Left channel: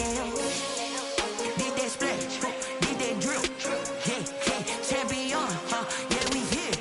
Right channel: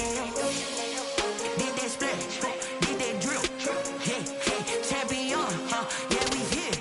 Chanel. Did that splash, did that drip. Yeah, champion, yeah, we here.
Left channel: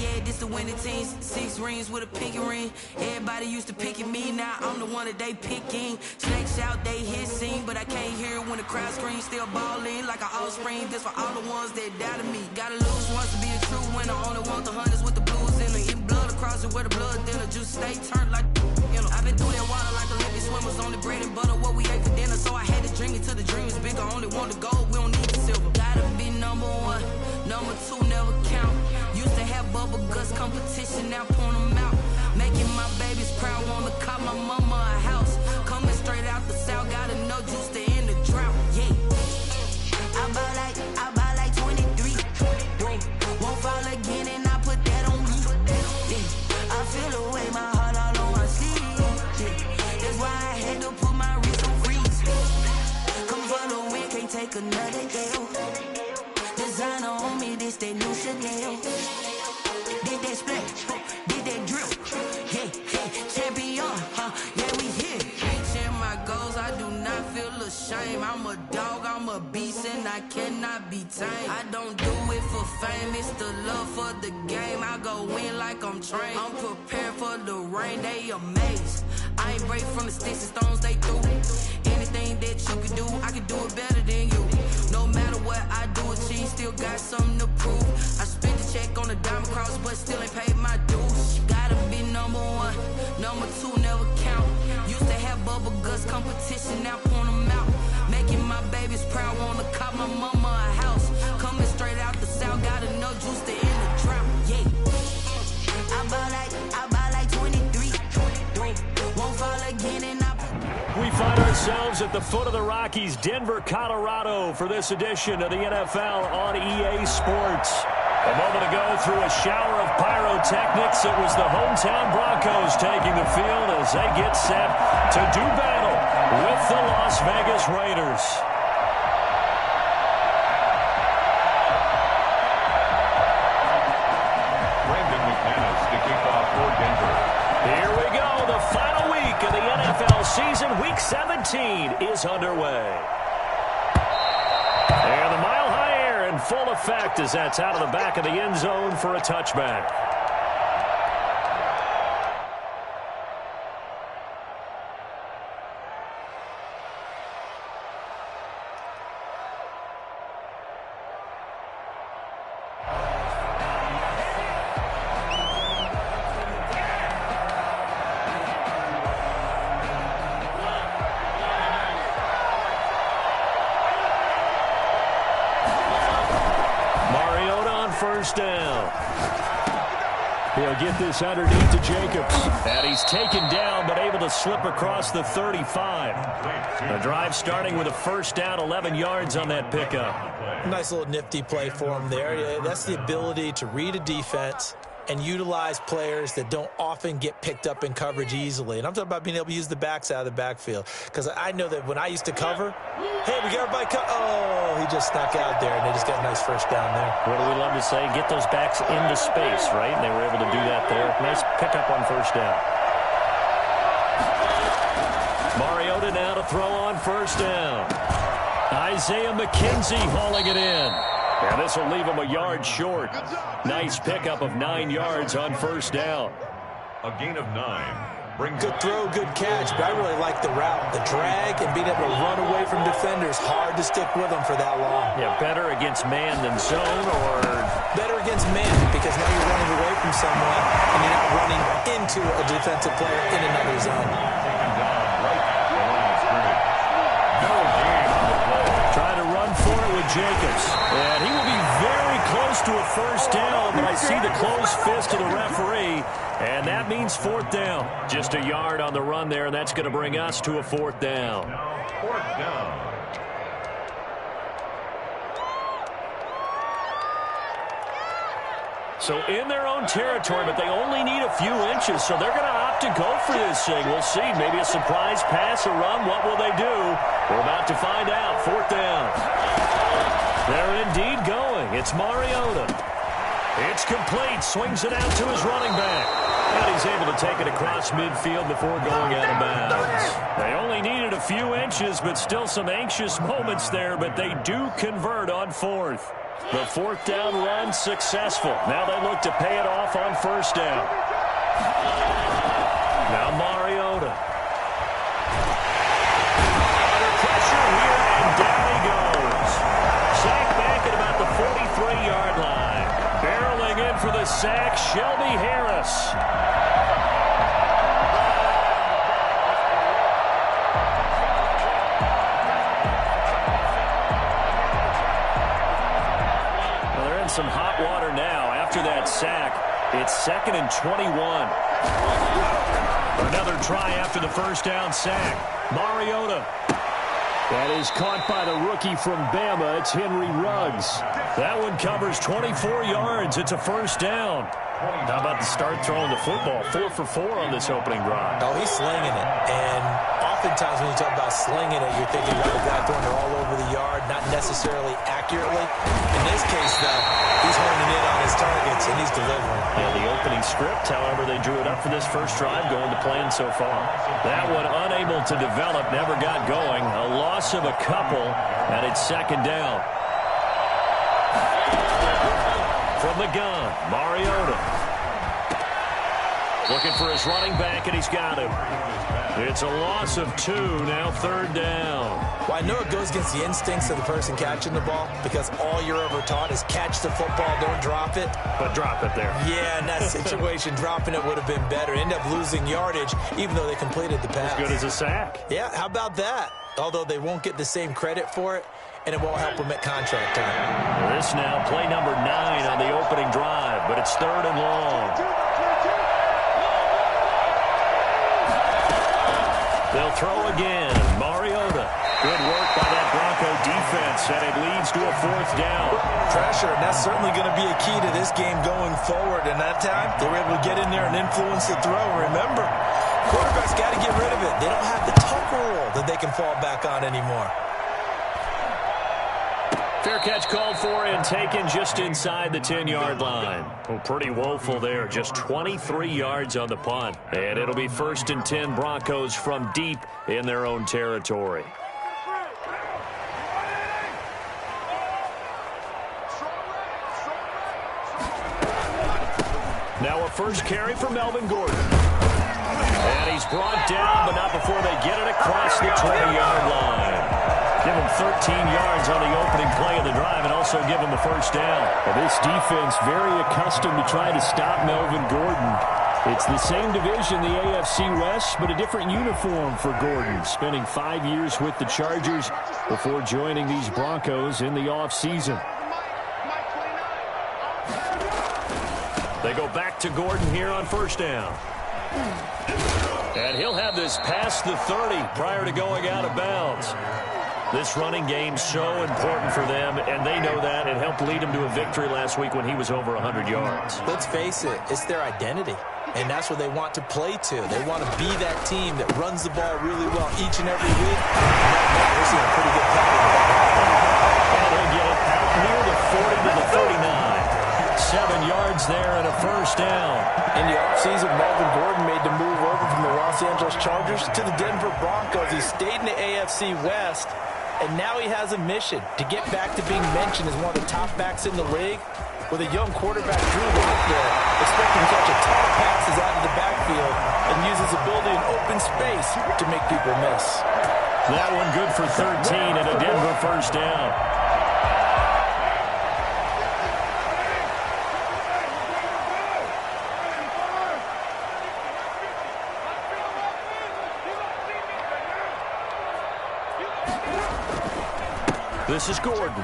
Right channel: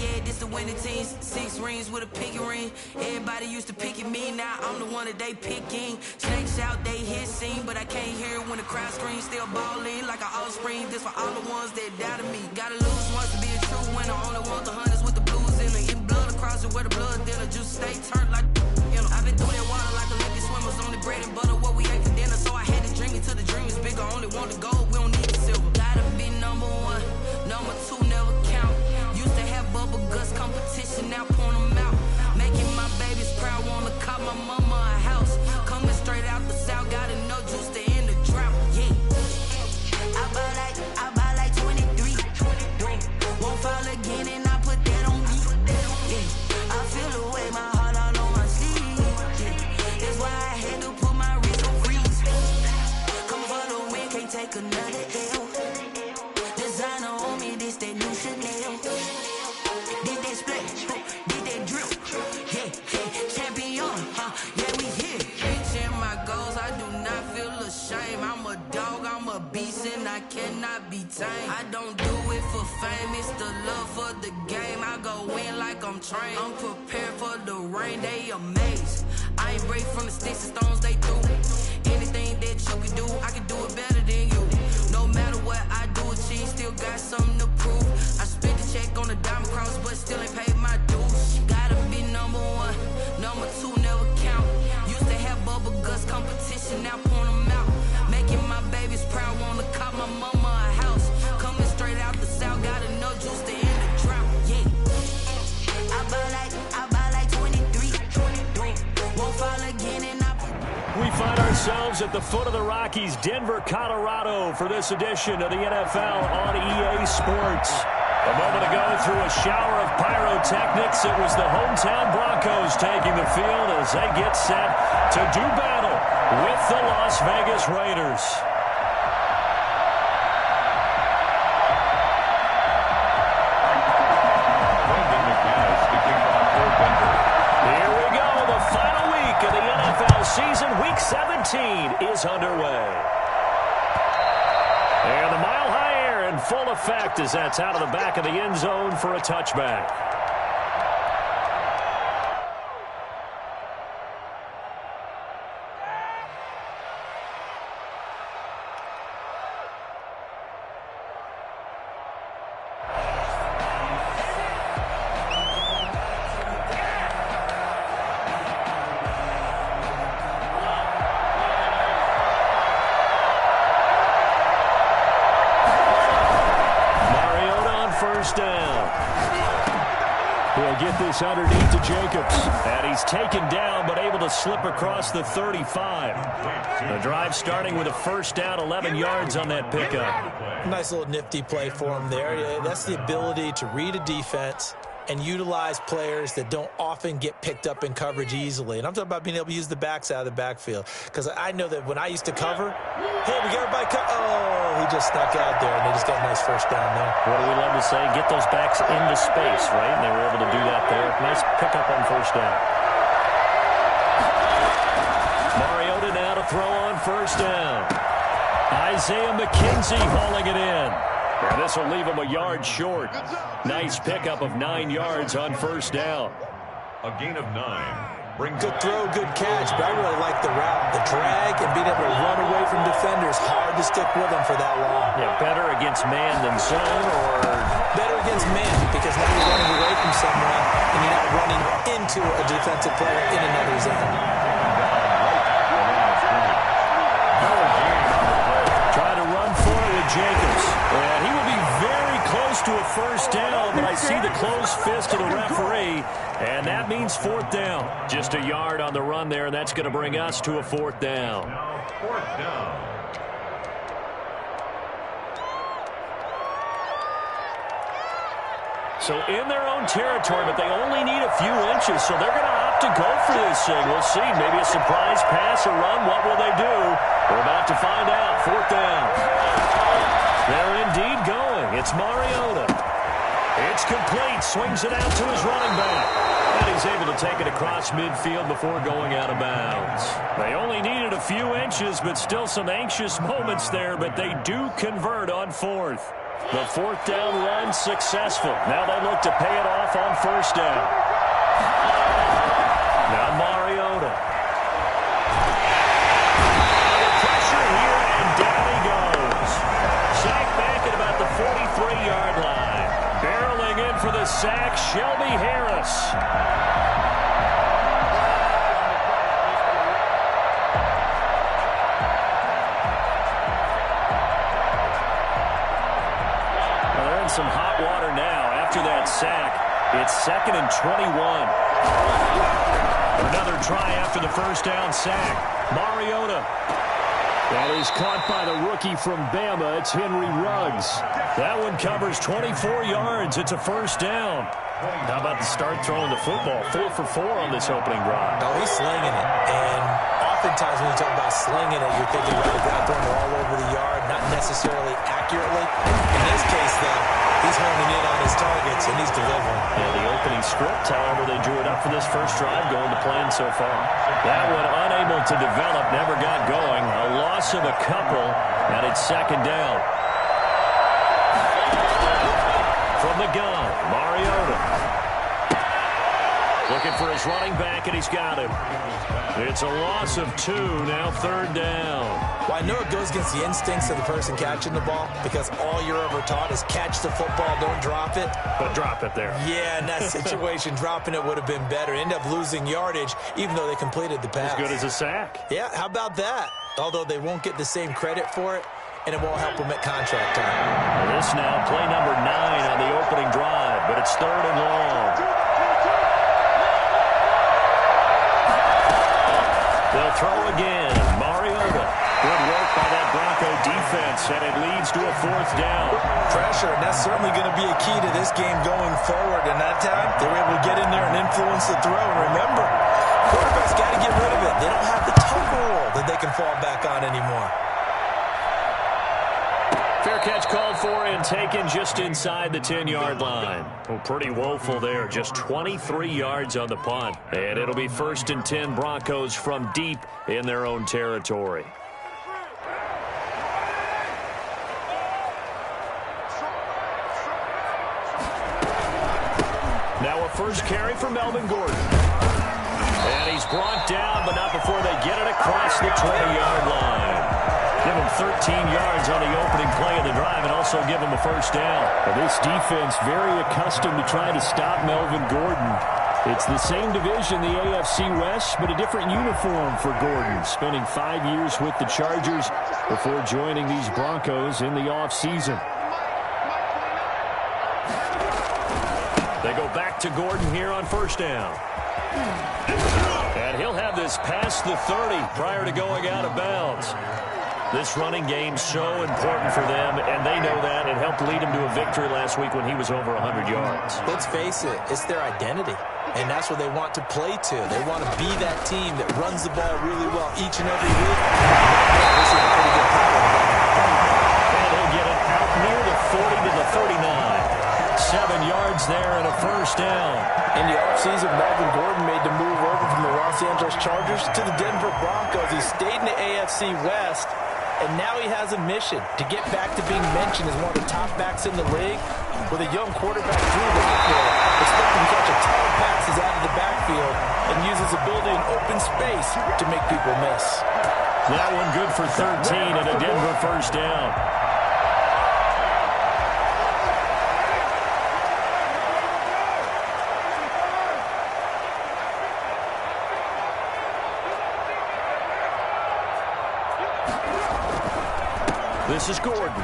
Yeah, this the winning team. 6 rings with a pinky ring. Everybody used to pick at me, now I'm the one that they picking. Snakes out, they hit scene, but I can't hear it when the crowd screams. Still ballin' like an offspring. This for all the ones that doubted me. Gotta lose once to be a true winner. Only want the hunters with the blues in it. Eating blood across it where the blood thinner. Juice stay turned like, you know. I've been through that water like Olympic swimmers. Only bread and butter, what we ate for dinner. So I had to dream it till the dream is bigger. Only want the gold, we don't need the silver. Gotta be number 1, number 2 never count. Used to have bubble guts competition, now point them out. Making my babies proud, wanna cop my mama a house. Coming straight out the south, gotta know juice to end the drought. Yeah, I buy like 23. Won't fall again, and I put that on me. Yeah, I feel the way, my heart all on my sleeve. Yeah, that's why I had to put my wrist on freeze. Coming for the win, can't take another L. Designer on me, this that new Chanel. Did that splash, did that drip. Yeah, champion, yeah, we here. Reaching my goals, I do not feel ashamed. I'm a dog, I'm a beast, and I cannot be tamed. I don't do it for fame, it's the love for the game. I go in like I'm trained. I'm prepared for the rain, they amazed. I ain't break from the sticks and stones they threw. Anything that you can do, I can do it better than you. No matter what I do, achieve, still got something to prove. I spent the check on the diamond cross, but still ain't paid my dues. Gotta be number 1, number 2 never count. Used to have bubble guts competition, now point them out. Making my babies proud, wanna cop my mama a house. Coming straight out the south, gotta know juice to end the drought. Yeah, I buy like 23. Won't fall again, and we find ourselves at the foot of the Rockies, Denver, Colorado, for this edition of the NFL on EA Sports. A moment ago, through a shower of pyrotechnics, it was the hometown Broncos taking the field as they get set to do battle with the Las Vegas Raiders. Brendan McManus to kick off for Denver. Here we go. The final week of the NFL season. Week 17 is underway. And the mile-high air in full effect as that's out of the back of the end zone for a touchback. First down. He'll get this underneath to Jacobs. And he's taken down, but able to slip across the 35. The drive starting with a first down, 11 yards on that pickup. Nice little nifty play for him there. That's the ability to read a defense and utilize players that don't often get picked up in coverage easily. And I'm talking about being able to use the backs out of the backfield. Because I know that when I used to cover, hey, we got everybody oh, he just snuck out there, and they just got a nice first down there. What do we love to say? Get those backs into space, right? And they were able to do that there. Nice pickup on first down. Mariota now to throw on first down. Isaiah McKenzie hauling it in. And this will leave him a yard short. Nice pickup of 9 yards on first down. A gain of 9. Good throw, good catch, but I really like the route. The drag and being able to run away from defenders. Hard to stick with them for that long. Yeah, better against man than zone, or better against man, because now you're running away from someone and you're not running into a defensive player in another zone. Taken down right at the line of scrimmage. No gain on the play. Try to run for it with Jacobs. And he will be very close to a first down, but I see the closed fist of the referee, and that means fourth down. Just a yard on the run there, and that's going to bring us to a fourth down. Now fourth down. So in their own territory, but they only need a few inches, so they're going to opt to go for this thing. We'll see. Maybe a surprise pass or run. What will they do? We're about to find out. Fourth down. They're indeed going. It's Mariota. It's complete. Swings it out to his running back. And he's able to take it across midfield before going out of bounds. They only needed a few inches, but still some anxious moments there, but they do convert on fourth. The fourth down run successful. Now they look to pay it off on first down. Now Mariota. Under pressure here, and down he goes. Sacked back at about the 43-yard line. Barreling in for the sack, Shelby Harris. Well, they're in some hot water now. After that sack, it's 2nd and 21. Another try after the first down sack. Mariota. That is caught by the rookie from Bama. It's Henry Ruggs. That one covers 24 yards. It's a first down. How about the start throwing the football? 4 for 4 on this opening drive. Oh, he's slinging it. And oftentimes when you talk about slinging it, you're thinking about a guy throwing it all over the yard, not necessarily accurately. In this case, though, he's honing in on his targets, and he's delivering. Yeah, the opening script, however, they drew it up for this first drive, going to plan so far. That one unable to develop, never got going. A loss of a couple, and it's 2nd down. From the gun, Mariota. Looking for his running back, and he's got him. It's a loss of 2, now 3rd down. Well, I know it goes against the instincts of the person catching the ball because all you're ever taught is catch the football, don't drop it. But drop it there. Yeah, in that situation, dropping it would have been better. End up losing yardage, even though they completed the pass. As good as a sack. Yeah, how about that? Although they won't get the same credit for it, and it won't help them at contract time. This now, play number 9 on the opening drive, but it's 3rd and long. They'll throw again. Mariota. Good work by that Bronco defense, and it leads to a 4th down. Pressure, and that's certainly going to be a key to this game going forward. And that time, they were able to get in there and influence the throw. And remember, quarterbacks got to get rid of it. They don't have the Tucker rule that they can fall back on anymore. Fair catch called for and taken just inside the 10-yard line. Well, pretty woeful there. Just 23 yards on the punt. And it'll be 1st and 10 Broncos from deep in their own territory. Now a first carry for Melvin Gordon. And he's brought down, but not before they get it across the 20-yard line. Give him 13 yards on the opening play of the drive and also give him a first down. Well, this defense very accustomed to trying to stop Melvin Gordon. It's the same division, the AFC West, but a different uniform for Gordon, spending 5 years with the Chargers before joining these Broncos in the offseason. They go back to Gordon here on first down. And he'll have this past the 30 prior to going out of bounds. This running game so important for them, and they know that. It helped lead him to a victory last week when he was over 100 yards. Let's face it, it's their identity, and that's what they want to play to. They want to be that team that runs the ball really well each and every week. Right now, we're seeing a pretty good pattern of that happening. And he'll get it out near the 40 to the 39. 7 yards there and a first down. In the offseason, Melvin Gordon made the move over from the Los Angeles Chargers to the Denver Broncos. He stayed in the AFC West. And now he has a mission to get back to being mentioned as one of the top backs in the league. With a young quarterback, Drew Lock there, expecting to catch a ton of passes out of the backfield and use his ability in open space to make people miss. That one good for 13 and a Denver first down. This is Gordon.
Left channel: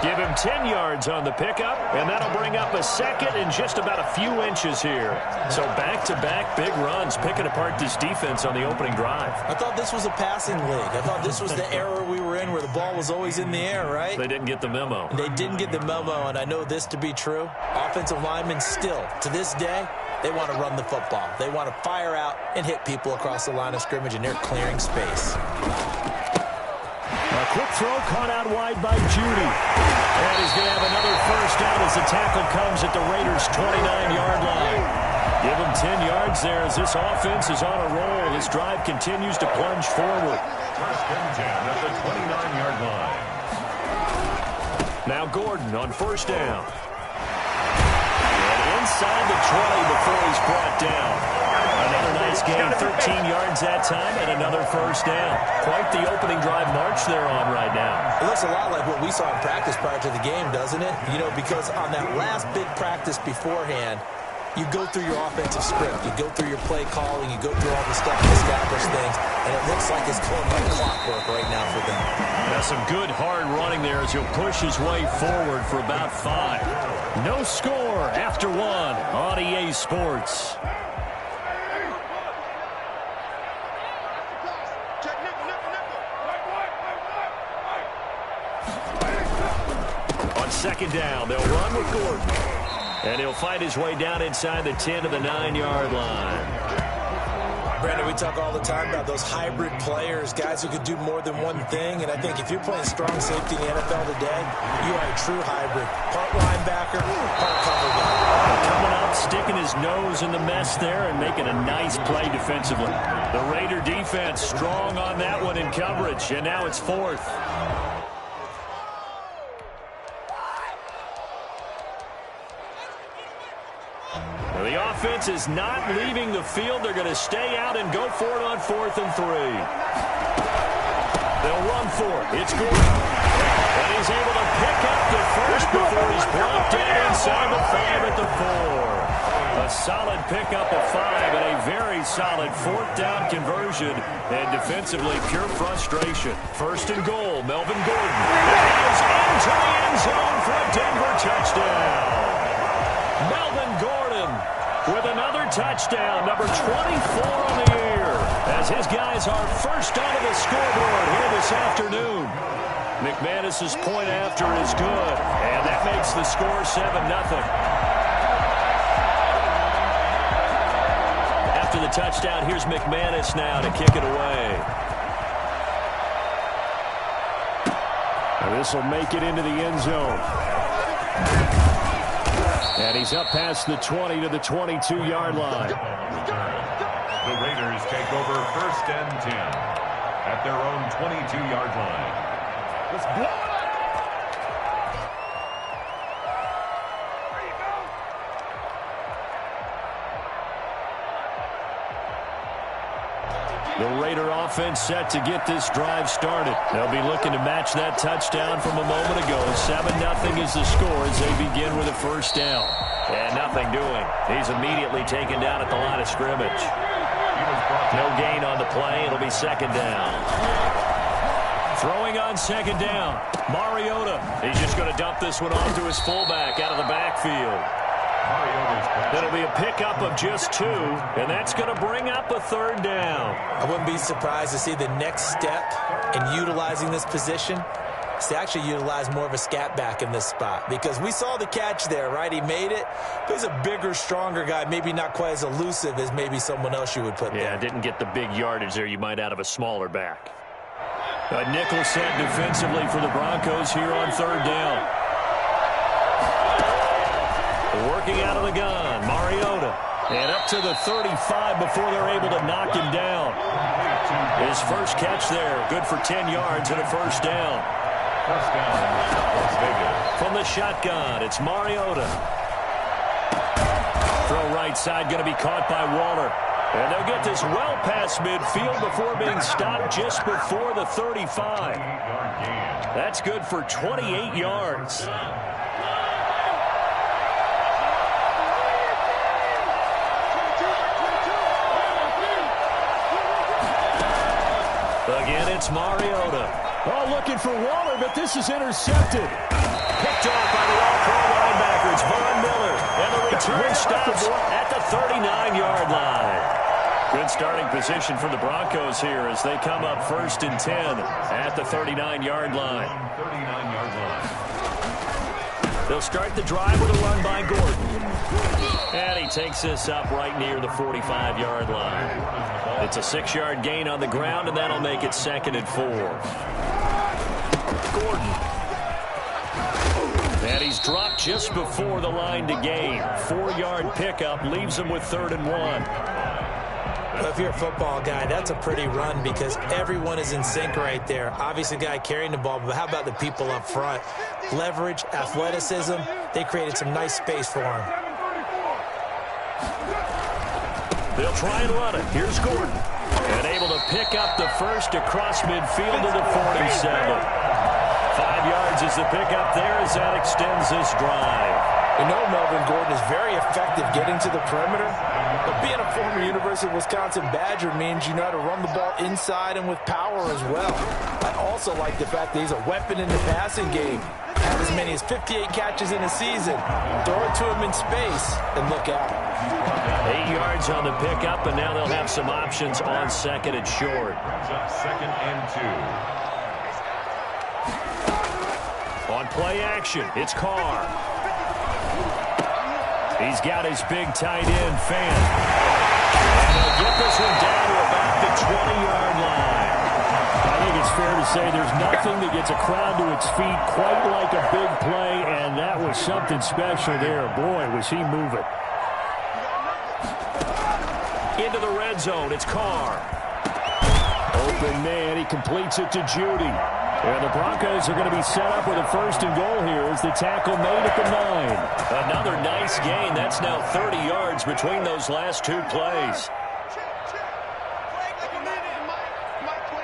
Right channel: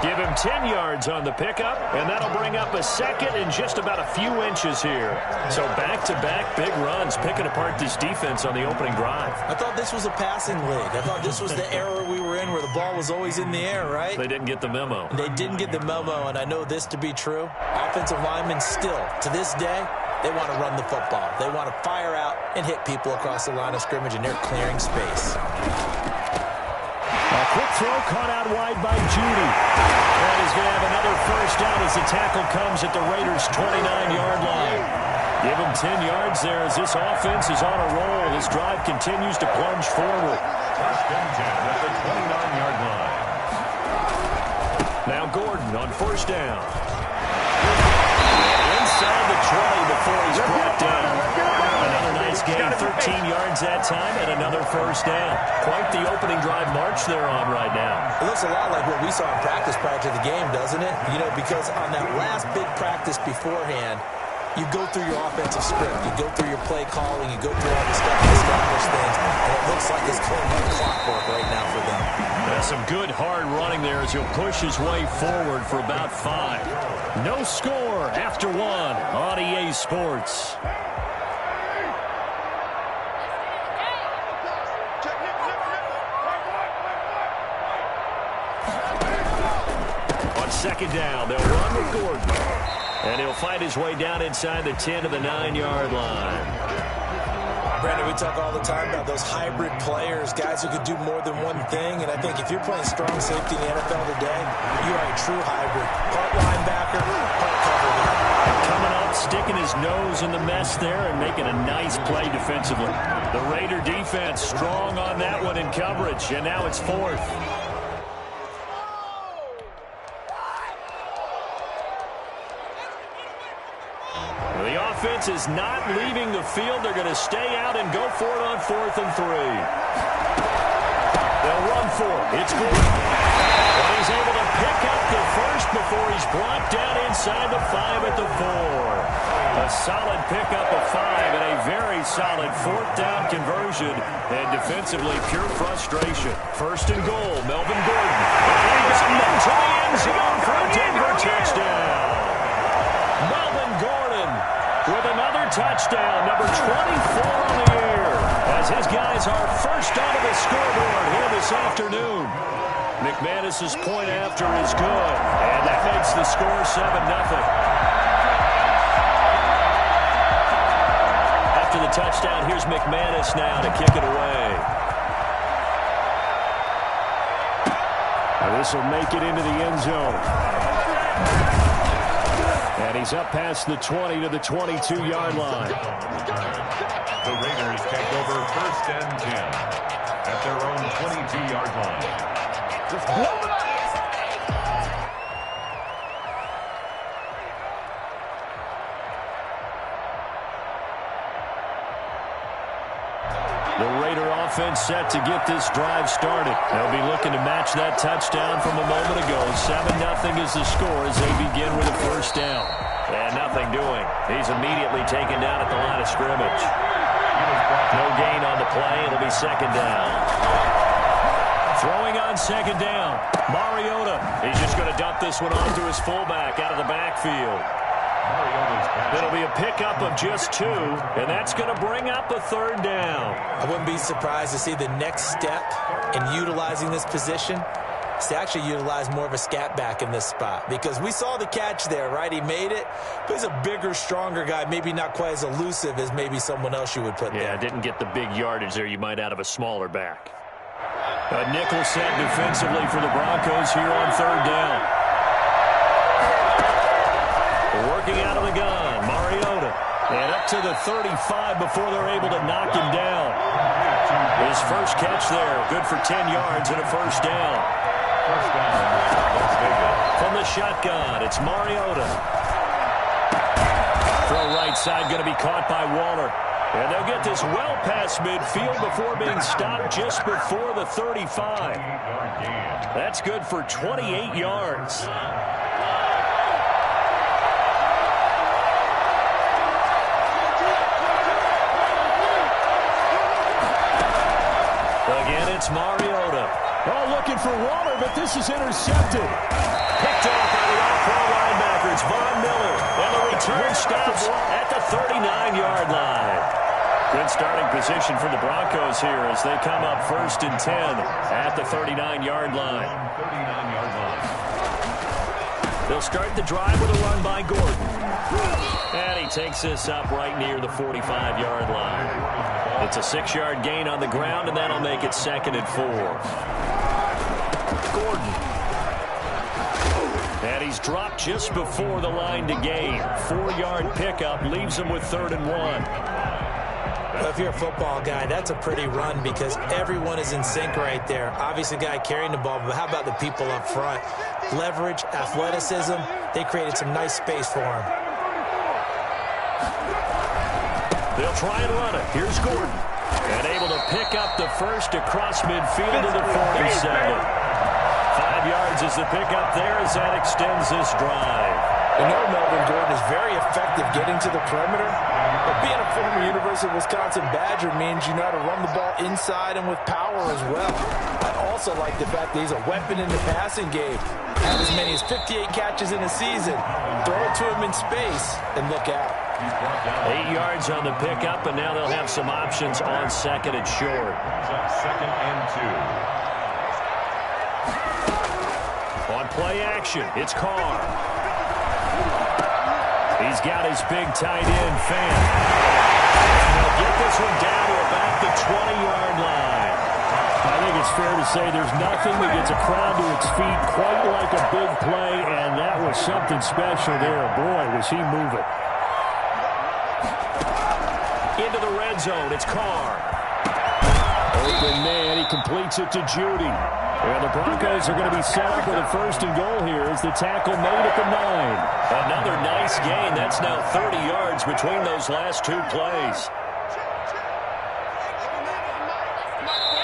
Give him 10 yards on the pickup, and that'll bring up a second in just about a few inches here. So back-to-back big runs, picking apart this defense on the opening drive. I thought this was a passing league. I thought this was the era we were in where the ball was always in the air, right? They didn't get the memo. They didn't get the memo, and I know this to be true. Offensive linemen still, to this day, they want to run the football. They want to fire out and hit people across the line of scrimmage, and they're clearing space. A quick throw caught out wide by Judy. And he's going to have another first down as the tackle comes at the Raiders' 29-yard line. Give him 10 yards there as this offense is on a roll. This drive continues to plunge forward. First and 10 at the 29-yard line. Now Gordon on first down. And inside the 20 before he's brought down. Another nice gain, 13 yards that time, and another first down. Quite the opening drive march they're on right now. It looks a lot like what we saw in practice prior to the game, doesn't it? You know, because on that last big practice beforehand, you go through your offensive script, you go through your play calling, you go through all the stuff to establish things, and it looks like it's going like clockwork right now for them. Some good hard running there as he'll push his way forward for about 5. No score after 1 on EA Sports. On second down, they'll run with Gordon. And he'll fight his way down inside the 10 to the 9-yard line. Brandon, we talk all the time about those hybrid players, guys who could do more than one thing. And I think if you're playing strong safety in the NFL today, you are a true hybrid. Part linebacker, part cover guy. And coming up, sticking his nose in the mess there and making a nice play defensively. The Raider defense strong on that one in coverage. And now it's 4th. The offense is not leaving the field. They're going to stay out and go for it on 4th and 3. They'll run for it. It's Gordon. And he's able to pick up the first before he's brought down inside the 5 at the 4. A solid pickup of 5 and a very solid 4th down conversion. And defensively, pure frustration. 1st and goal, Melvin Gordon. And he is into the end zone for a Denver touchdown. Melvin Gordon with another touchdown, number 24 on the year, as his guys are first onto the scoreboard here this afternoon. McManus's point after is good, and that makes the score 7-0. After the touchdown, here's McManus now to kick it away. Now this will make it into the end zone. And he's up past the 20 to the 22-yard line. The Raiders take over 1st and 10 at their own 22-yard line. Just blow it up! The Raider offense set to get this drive started. They'll be looking to match that touchdown from a moment ago. 7-0 is the score as they begin with a first down. And nothing doing. He's immediately taken down at the line of scrimmage. No gain on the play. It'll be 2nd down. Throwing on 2nd down. Mariota. He's just going to dump this one off to his fullback out of the backfield. It'll be a pickup of just 2, and that's going to bring up a 3rd down. I wouldn't be surprised to see the next step in utilizing this position is to actually utilize more of a scat back in this spot, because we saw the catch there, right? He made it, but he's a bigger, stronger guy, maybe not quite as elusive as maybe someone else you would put there. Yeah, didn't get the big yardage there you might out of a smaller back. A nickel set defensively for the Broncos here on 3rd down. Working out of the gun, Mariota. And up to the 35 before they're able to knock him down. His first catch there, good for 10 yards and a first down. First down, Las Vegas. From the shotgun, it's Mariota. Throw right side, going to be caught by Waller. And they'll get this well past midfield before being stopped just before the 35. That's good for 28 yards. Again, it's Mariota. Oh, looking for Waller, but this is intercepted. Picked off by the all-pro linebacker. It's Von Miller. And the return stops at the 39-yard line. Good starting position for the Broncos here as they come up 1st and 10 at the 39-yard line. They'll start the drive with a run by Gordon. And he takes this up right near the 45-yard line. It's a 6-yard gain on the ground, and that'll make it 2nd and 4. Gordon. And he's dropped just before the line to gain. 4-yard pickup leaves him with 3rd and 1. Well, if you're a football guy, that's a pretty run because everyone is in sync right there. Obviously, the guy carrying the ball, but how about the people up front? Leverage, athleticism, they created some nice space for him. They'll try and run it. Here's Gordon. And able to pick up the first across midfield to the 47. 5 yards is the pickup there as that extends this drive. You know Melvin Gordon is very effective getting to the perimeter, but being a former University of Wisconsin Badger means you know how to run the ball inside and with power as well. I also like the fact that he's a weapon in the passing game. Had as many as 58 catches in a season. Throw it to him in space and look out. 8 yards on the pickup, and now they'll have some options on 2nd and short. 2nd and 2. On play action, it's Carr. He's got his big tight end, Fan. And he'll get this one down to about the 20-yard line. I think it's fair to say there's nothing that gets a crowd to its feet quite like a big play, and that was something special there. Boy, was he moving. Into the red zone, it's Carr. Open man, he completes it to Judy. And the Broncos are going to be set up with a 1st and goal here as the tackle made at the 9. Another nice gain. That's now 30 yards between those last 2 plays.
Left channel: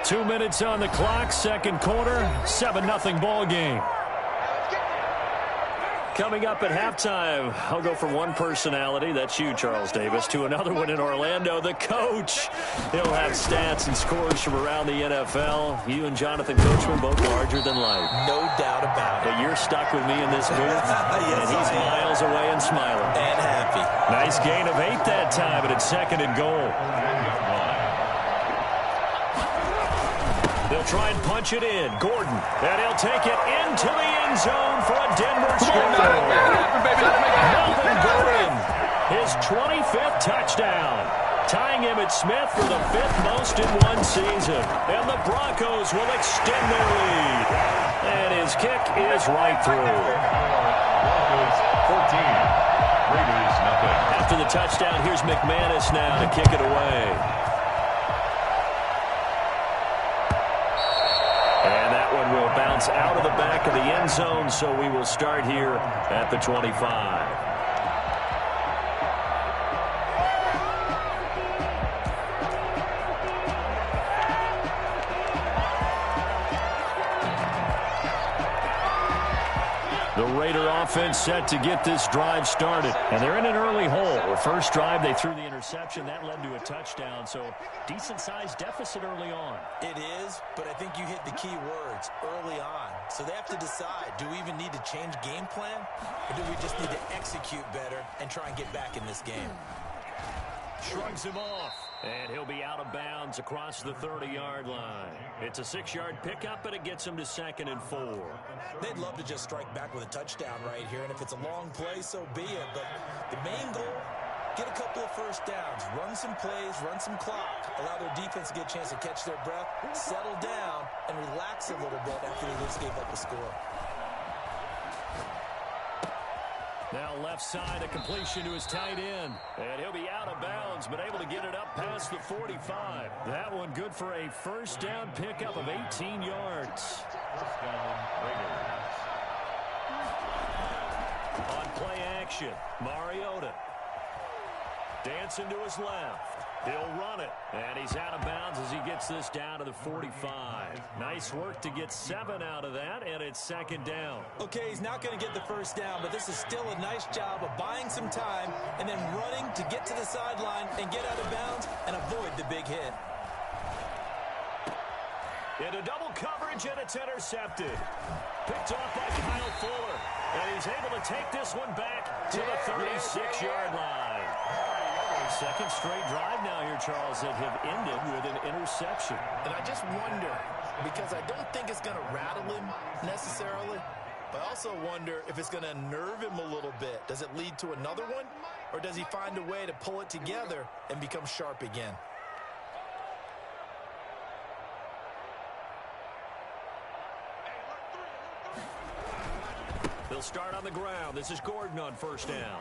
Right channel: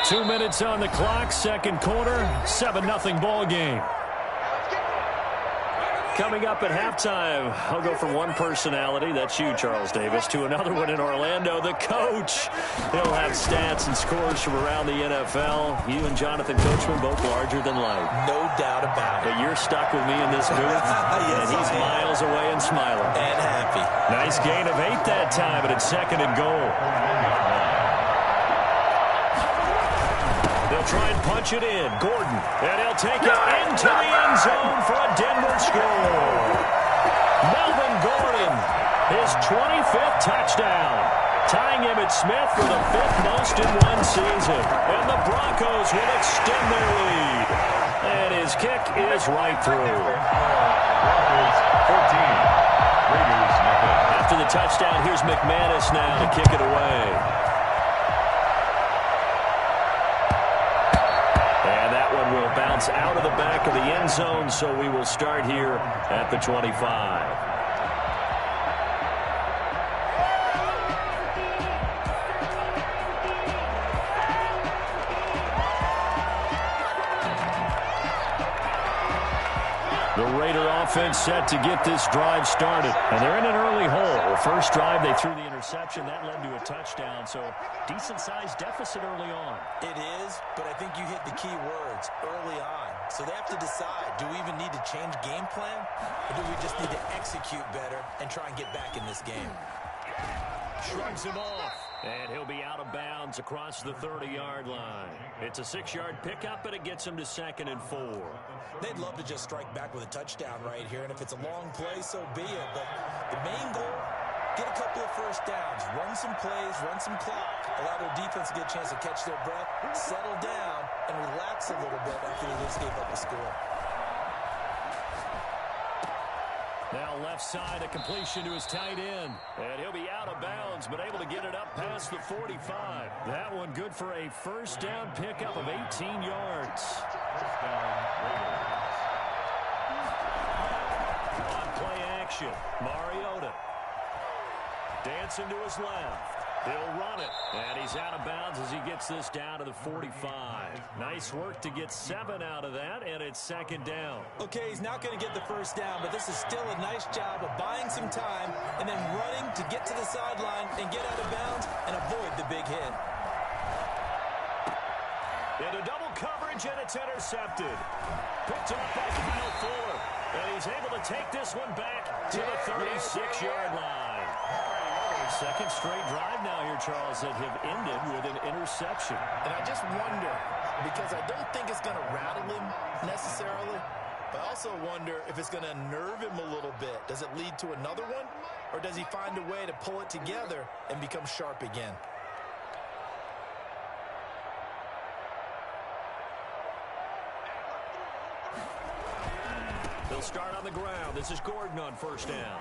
2 minutes on the clock, 2nd quarter, 7-0 ball game. Coming up at halftime, I'll go from one personality, that's you, Charles Davis, to another one in Orlando, the coach. He'll have stats and scores from around the NFL. You and Jonathan Coachman, both larger than life. No doubt about it. But you're stuck with me in this booth, yes, and he's miles away and smiling. And happy. Nice gain of 8 that time, but it's 2nd and goal. They'll try and punch it in. Gordon, and he'll take it into the end zone for a Denver score. Melvin Gordon, his 25th touchdown, tying Emmitt Smith for the 5th most in one season. And the Broncos will extend their lead. And his kick is right through. Broncos 14, Raiders nothing. After the touchdown, here's McManus now to kick it away. And that one will bounce out of the back of the end zone, so we will start here at the 25. The Raider offense set to get this drive started. And they're in an early hole. The first drive, they threw the interception. That led to a touchdown. So decent-sized deficit early on. It is, but I think you hit the key words, early on. So they have to decide, do we even need to change game plan? Or do we just need to execute better and try and get back in this game? Shrugs him off. And he'll be out of bounds across the 30-yard line. It's a 6-yard pickup, and it gets him to 2nd and 4. They'd love to just strike back with a touchdown right here, and if it's a long play, so be it. But the main goal, get a couple of first downs, run some plays, run some clock, allow their defense to get a chance to catch their breath, settle down, and relax a little bit after they just gave up a score. Now left side, a completion to his tight end. And he'll be out of bounds, but able to get it up past the 45. That one good for a first down pickup of 18 yards. First down, Raiders. On play action, Mariota. Dancing to his left. He'll run it. And he's out of bounds as he gets this down to the 45. Nice work to get 7 out of that, and it's 2nd down. Okay, he's not going to get the first down, but this is still a nice job of buying some time and then running to get to the sideline and get out of bounds and avoid the big hit. Into double coverage, and it's intercepted. Picked off by Kyle Fuller. And he's able to take this one back to the 36-yard line. Second straight drive now here, Charles, that have ended with an interception. And I just wonder, because I don't think it's going to rattle him necessarily, but I also wonder if it's going to nerve him a little bit. Does it lead to another one, or does he find a way to pull it together and become sharp again? They'll start on the ground. This is Gordon on first down.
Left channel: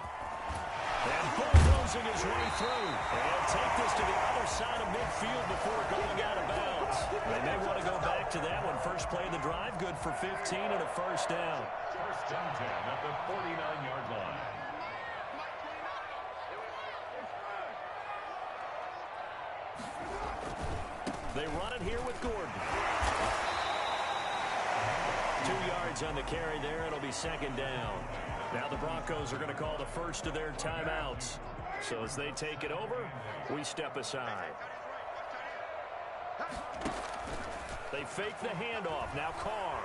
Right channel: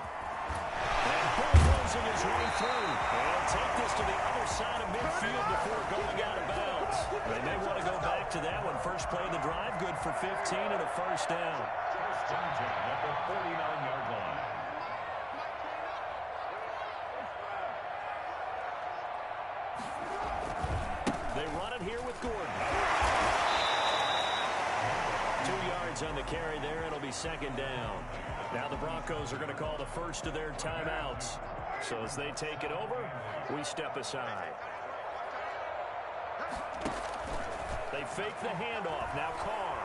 And bulldozing his way through. And take this to the other side of midfield before going out of bounds. They may want to go back to that one. First play of the drive, good for 15 and a first down. First and 10 at the 49-yard line. They run it here with Gordon. 2 yards on the carry there. It'll be second down. Now the Broncos are going to call the first of their timeouts. So as they take it over, we step aside. They fake the handoff. Now Carr.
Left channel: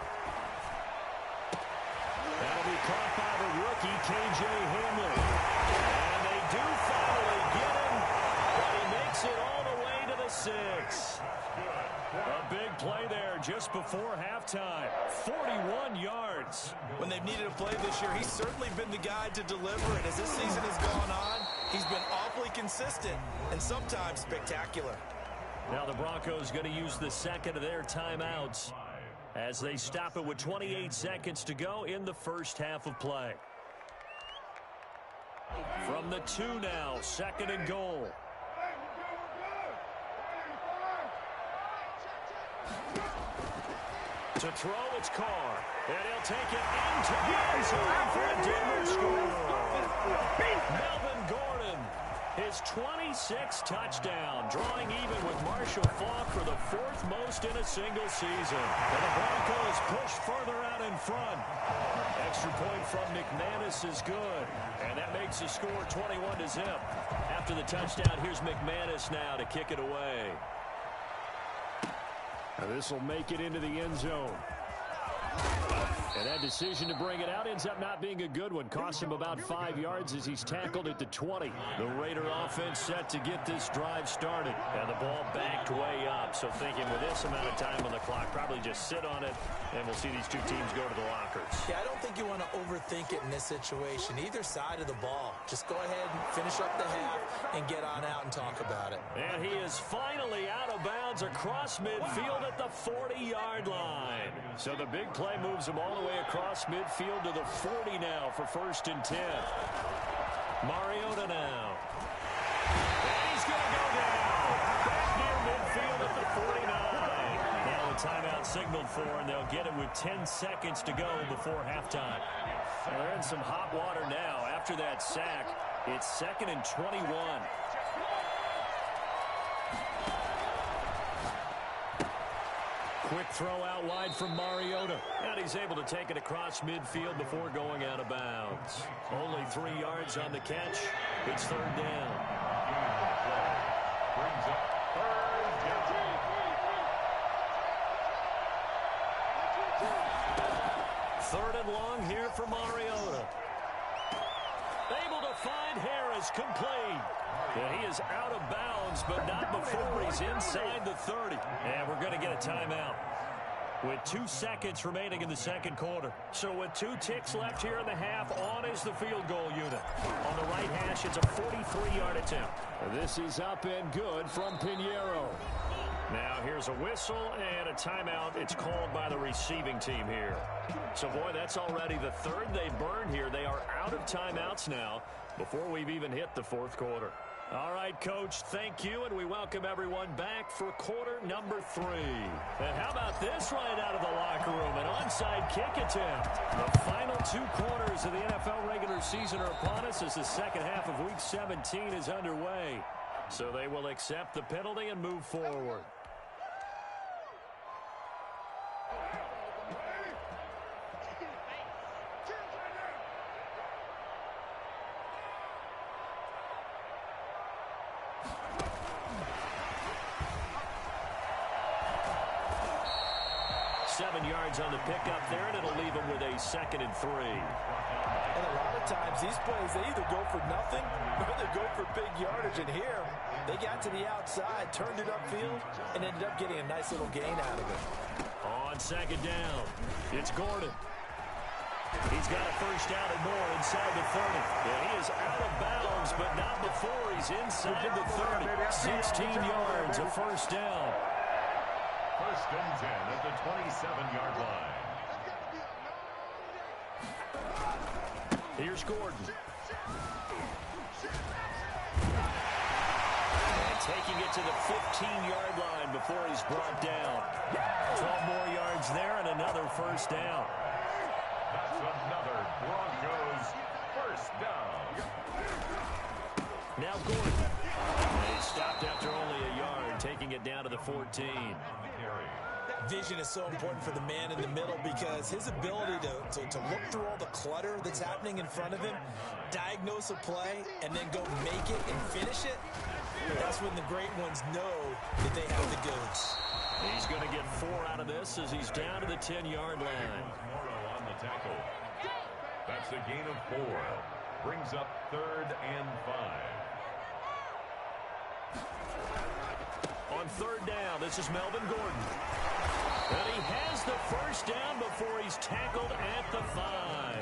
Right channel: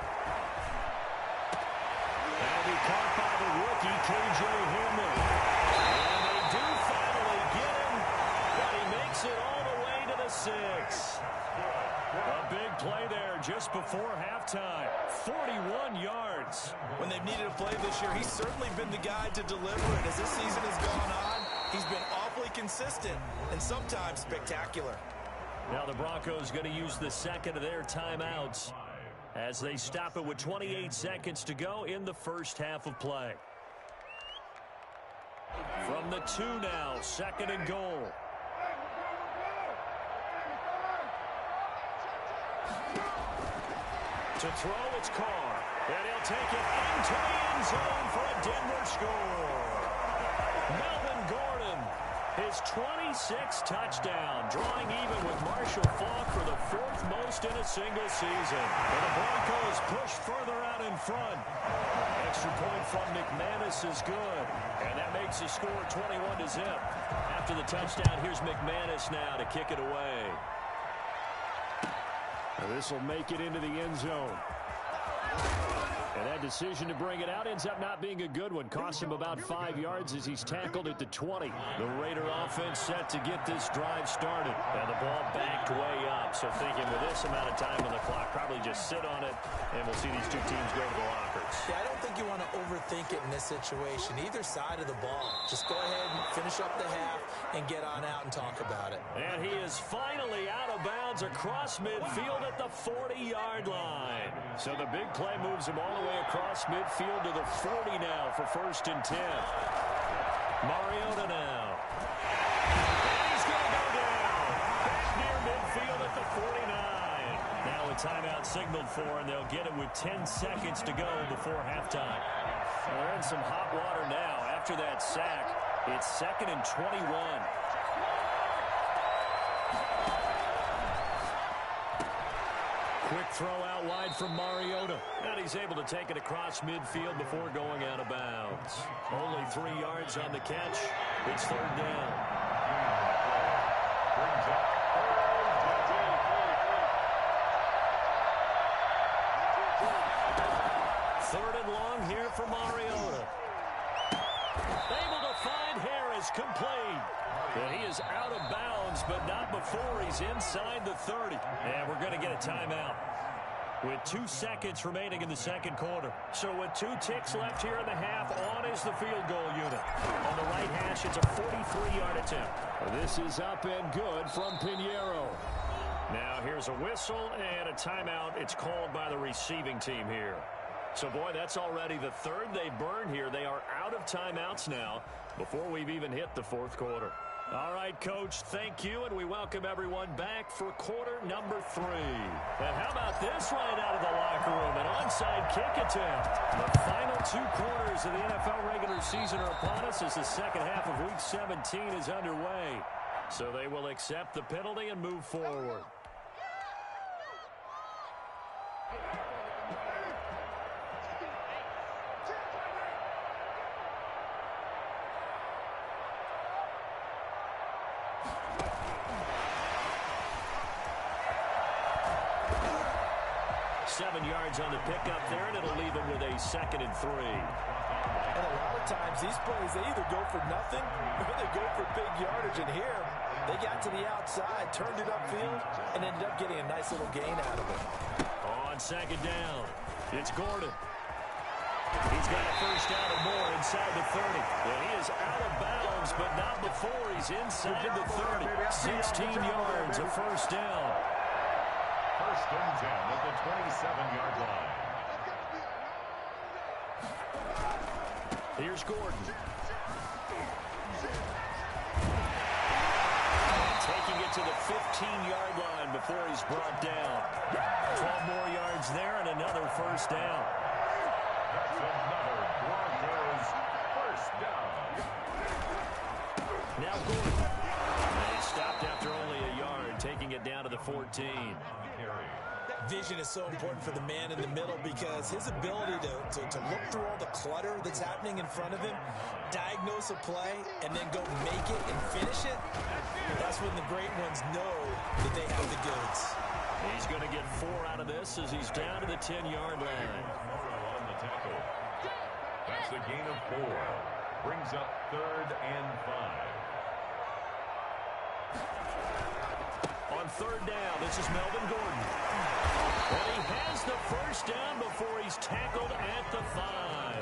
That'll be caught by the rookie, K.J. Hamler. And they do finally get him, but he makes it all the way to the 6. A big play there just before halftime. 41 yards. When they've needed a play this year, he's certainly been the guy to deliver. And as this season has gone on, he's been awfully consistent and sometimes spectacular. Now the Broncos going to use the second of their timeouts as they stop it with 28 seconds to go in the first half of play. From the 2 now, second and goal. To throw, it's Carr. And he'll take it into the end zone for a Denver score. Melvin Gordon, his 26th touchdown, drawing even with Marshall Faulk for the 4th most in a single season. And the Broncos push further out in front. Extra point from McManus is good. And that makes the score 21-0. After the touchdown, here's McManus now to kick it away. This will make it into the end zone. And that decision to bring it out ends up not being a good one. Cost him about 5 yards as he's tackled at the 20. The Raider offense set to get this drive started. And the ball backed way up. So thinking with this amount of time on the clock, probably just sit on it, and we'll see these two teams go to the lockers. Yeah, I don't think you want to overthink it in this situation. Either side of the ball. Just go ahead and finish up the half and get on out and talk about it. And he is finally out of bounds across midfield at the 40-yard line. So the big play moves him all the way across midfield to the 40 now for first and 10. Mariota now. And he's going to go down. Back near midfield at the 49. Now a timeout signaled for, and they'll get it with 10 seconds to go before halftime. Well, they're in some hot water now. After that sack, it's second and 21. Quick throw out wide from Mariota. And he's able to take it across midfield before going out of bounds. Only 3 yards on the catch. It's third down. Brings up third down. Third and long here for Mariota. Able to find Harris, complete. And he is out of bounds, but not before he's inside the 30. And we're going to get a timeout with 2 seconds remaining in the second quarter. So with 2 ticks left here in the half, on is the field goal unit. On the right hash, it's a 43-yard attempt. This is up and good from Pinheiro. Now here's a whistle and a timeout. It's called by the receiving team here. So, boy, that's already the third they burned here. They are out of timeouts now before we've even hit the fourth quarter. All right, Coach, thank you, and we welcome everyone back for quarter number 3. And how about this right out of the locker room, an onside kick attempt. The final 2 quarters of the NFL regular season are upon us as the second half of Week 17 is underway. So they will accept the penalty and move forward. Seven yards on the pickup there, and it'll leave him with a second and 3. And a lot of times these plays, they either go for nothing or they go for big yardage. And here, they got to the outside, turned it upfield, and ended up getting a nice little gain out of it. On second down, it's Gordon. He's got a first down and more inside the 30. And he is out of bounds, but not before he's inside the 30. 16 yards, a first down. First and 10 at the 27-yard line. Here's Gordon. And taking it to the 15-yard line before he's brought down. 12 more yards there and another first down. That's another Broncos first down. Now Gordon. They stopped after only a yard, taking it down to the 14. Vision is so important for the man in the middle because his ability to look through all the clutter that's happening in front of him, diagnose a play, and then go make it and finish it, that's when the great ones know that they have the goods. He's going to get 4 out of this as he's down to the 10-yard line. On the tackle. That's a gain of 4. Brings up 3rd and 5. On 3rd down, this is Melvin Gordon. And he has the first down before he's tackled at the 5.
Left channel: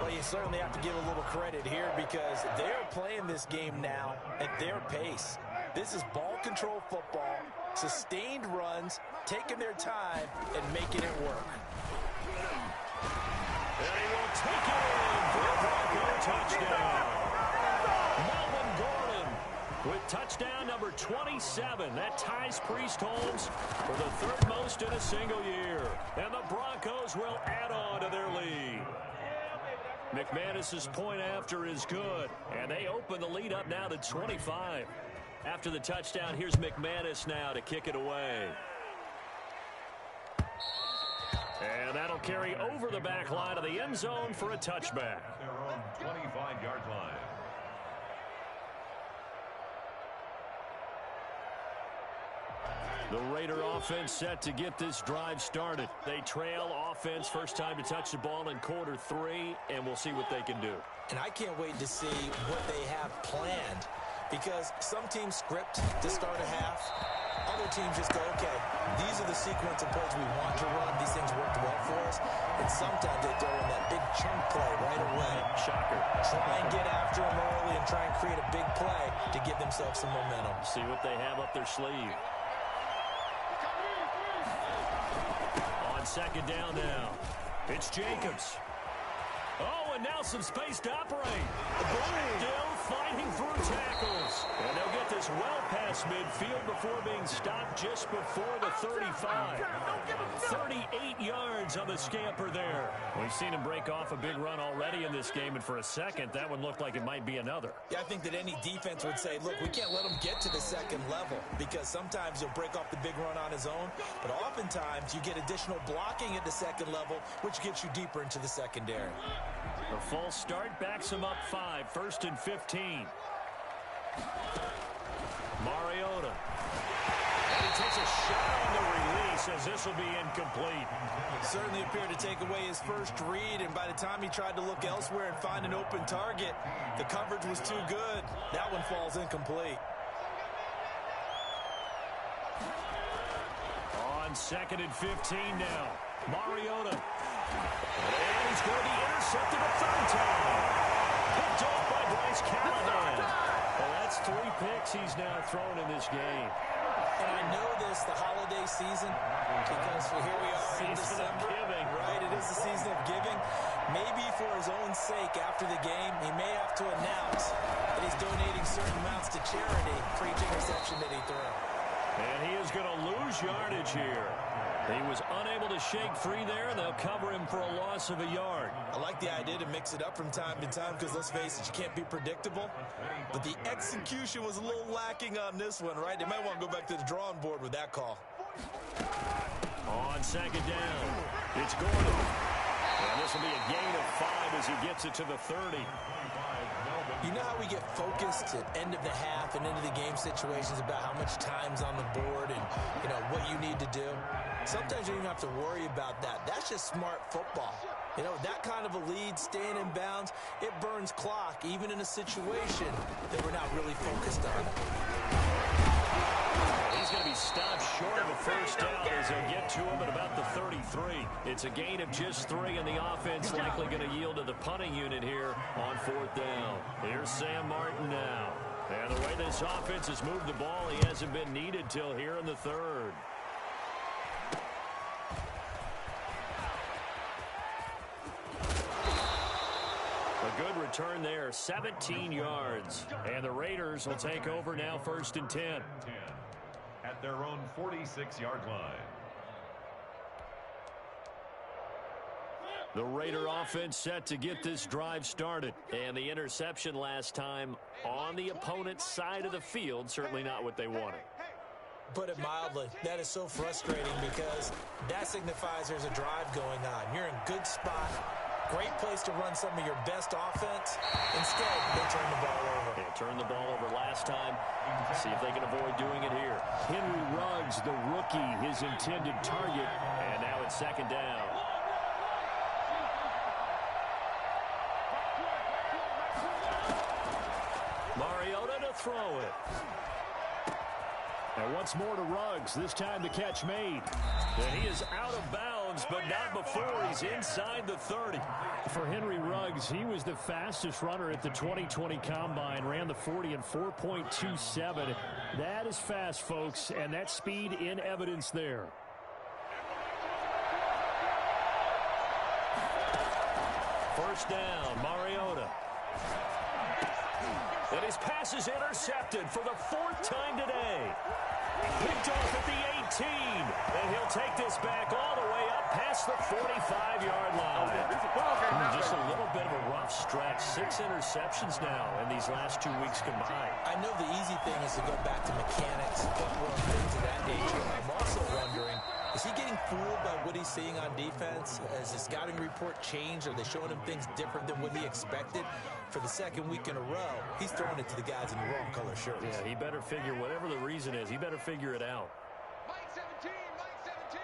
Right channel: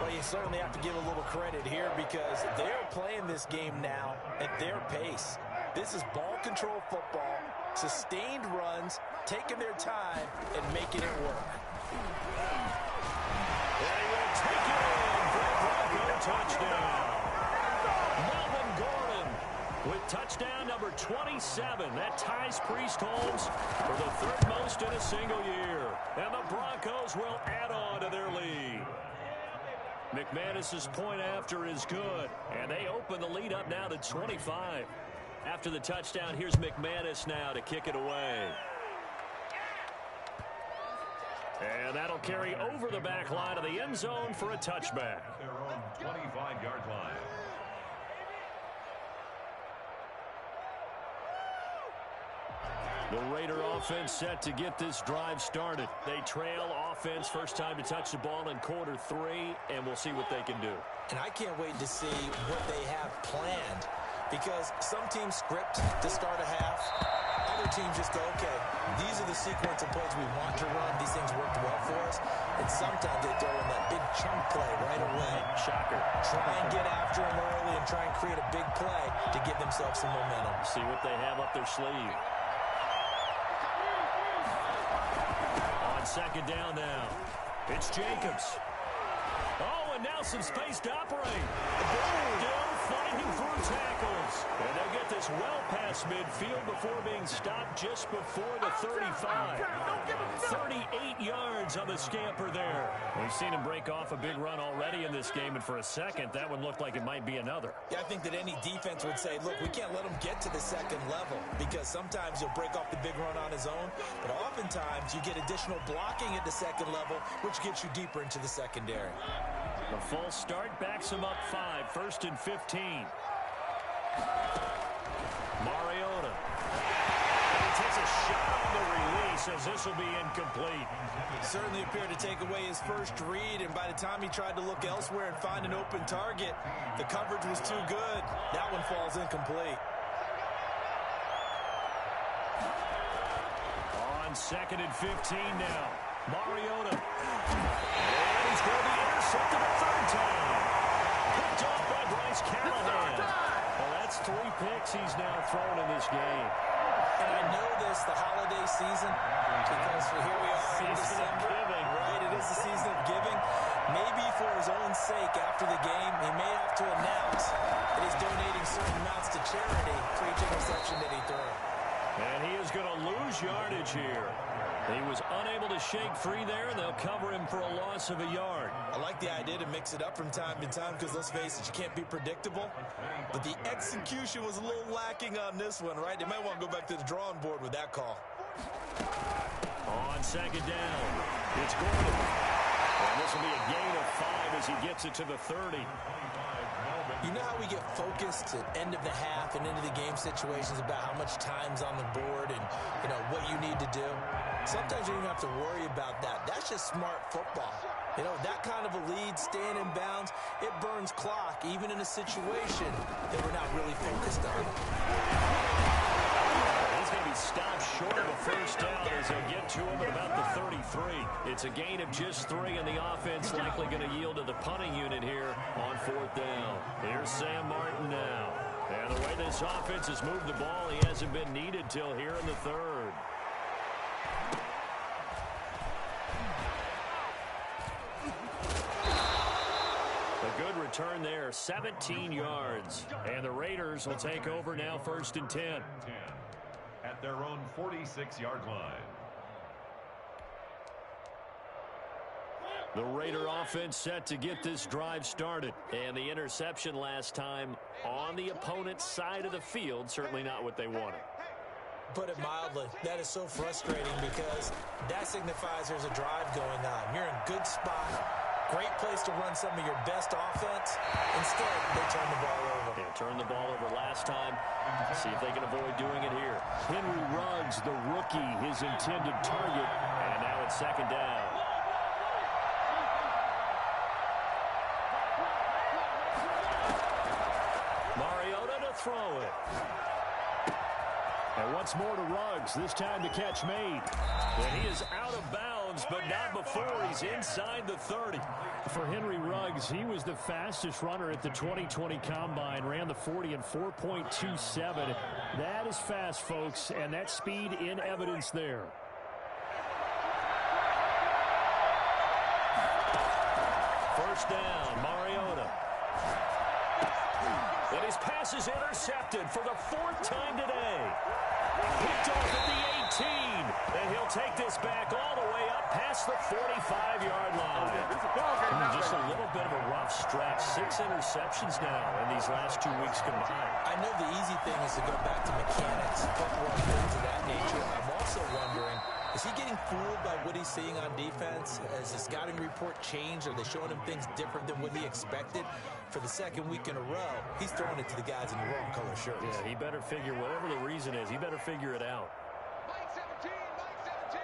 Well, you certainly have to give a little credit here because they're playing this game now at their pace. This is ball control football, sustained runs, taking their time, and making it work. And he will take it in for a Bronco touchdown. Melvin Gordon with touchdown number 27. That ties Priest Holmes for the 3rd most in a single year. And the Broncos will add on to their lead. McManus's point after is good. And they open the lead up now to 25. After the touchdown, here's McManus now to kick it away. And that'll carry over the back line of the end zone for a touchback. Their own 25-yard line. The Raider offense set to get this drive started. They trail offense first time to touch the ball in quarter 3, and we'll see what they can do. And I can't wait to see what they have planned because some teams script to start a half. Other teams just go, okay, these are the sequence of plays we want to run. These things worked well for us. And sometimes they throw in that big chunk play right away. Shocker. Try and get after them early and try and create a big play to give themselves some momentum. See what they have up their sleeve. On 2nd down now, it's Jacobs. Oh, and now some space to operate. Still fighting through tackles. And they'll get this well past midfield before being stopped just before the 35. 38 yards on the scamper there. We've seen him break off a big run already in this game, and for a second, that one looked like it might be another. Yeah, I think that any defense would say, look, we can't let him get to the 2nd level because sometimes he'll break off the big run on his own, but oftentimes you get additional blocking at the 2nd level, which gets you deeper into the secondary. The false start backs him up 5, 1st and 15. Mariota. And he takes a shot on the release as this will be incomplete. Certainly appeared to take away his first read, and by the time he tried to look elsewhere and find an open target, the coverage was too good. That one falls incomplete. On 2nd and 15 now. Mariota. And he's going to be intercepted a 3rd time. Picked off by Bryce Callahan. Well, that's 3 picks he's now thrown in this game. And I know this, the holiday season, because here we are in December. Giving. Right, it is the season of giving. Maybe for his own sake after the game, he may have to announce that he's donating certain amounts to charity for each interception that he threw. And he is going to lose yardage here. He was unable to shake free there, and they'll cover him for a loss of a yard. I like the idea to mix it up from time to time because, let's face it, you can't be predictable. But the execution was a little lacking on this one, right? They might want to go back to the drawing board with that call. On 2nd down, it's Gordon. And this will be a gain of 5 as he gets it to the 30. You know how we get focused at end of the half and into the game situations about how much time's on the board and, you know, what you need to do? Sometimes you don't even have to worry about that. That's just smart football. You know, that kind of a lead, staying in bounds, it burns clock, even in a situation that we're not really focused on. He's going to be stopped short of a first down as they'll get to him at about the 33. It's a gain of just 3, and the offense likely going to yield to the punting unit here on 4th down. Here's Sam Martin now. And the way this offense has moved the ball, he hasn't been needed till here in the 3rd. A good return there, 17 yards. And the Raiders will take over now, 1st and 10. At their own 46-yard line. The Raider offense set to get this drive started. And the interception last time on the opponent's side of the field, certainly not what they wanted. Put it mildly, that is so frustrating because that signifies there's a drive going on. You're in a good spot, great place to run some of your best offense. Instead, they turn the ball over. They turned the ball over last time. See if they can avoid doing it here. Henry Ruggs, the rookie, his intended target. And now it's 2nd down. Mariota to throw it. And once more to Ruggs, this time the catch made. And he is out of bounds, but not before he's inside the 30. For Henry Ruggs, he was the fastest runner at the 2020 Combine, ran the 40 in 4.27. That is fast, folks, and that speed in evidence there. First down, Mariota. And his pass is intercepted for the 4th time today. Picked off at the 18. And he'll take this back all the way up past the 45-yard line. Just a little bit of a rough stretch. 6 interceptions now in these last 2 weeks combined. I know the easy thing is to go back to mechanics, footwork, things of that nature. I'm also wondering, is he getting fooled by what he's seeing on defense? Has the scouting report changed? Are they showing him things different than what he expected? For the 2nd week in a row, he's throwing it to the guys in the wrong color shirts. Yeah, he better figure, whatever the reason is, he better figure it out. Mike 17, Mike 17.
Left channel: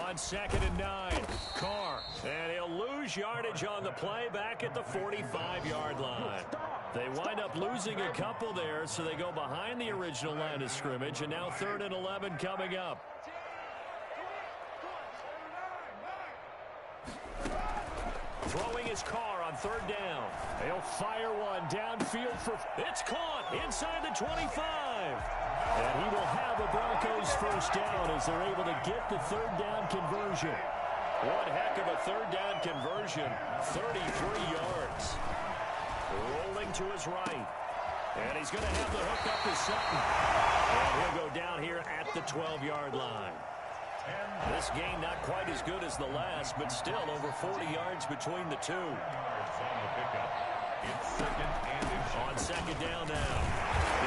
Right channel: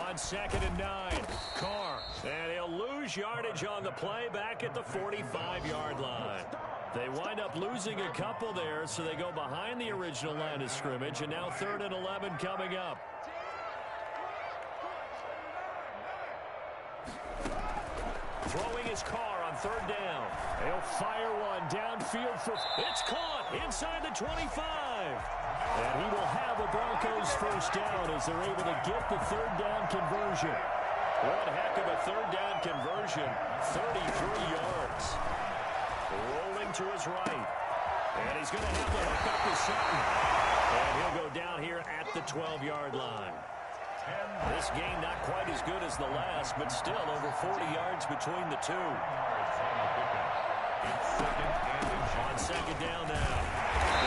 On 2nd and 9, Carr. And he'll lose yardage on the play back at the 45-yard line. They wind up losing a couple there, so they go behind the original line of scrimmage, and now 3rd and 11 coming up. Throwing his Carr on 3rd down. They'll fire one downfield for... It's caught inside the 25. And he will have a Broncos 1st down as they're able to get the 3rd down conversion. One heck of a 3rd down conversion. 33 yards. Rolling to his right. And he's going to have the hook up to Sutton. And he'll go down here at the 12-yard line. This game not quite as good as the last, but still over 40 yards between the two. It's 2nd and On 2nd down now.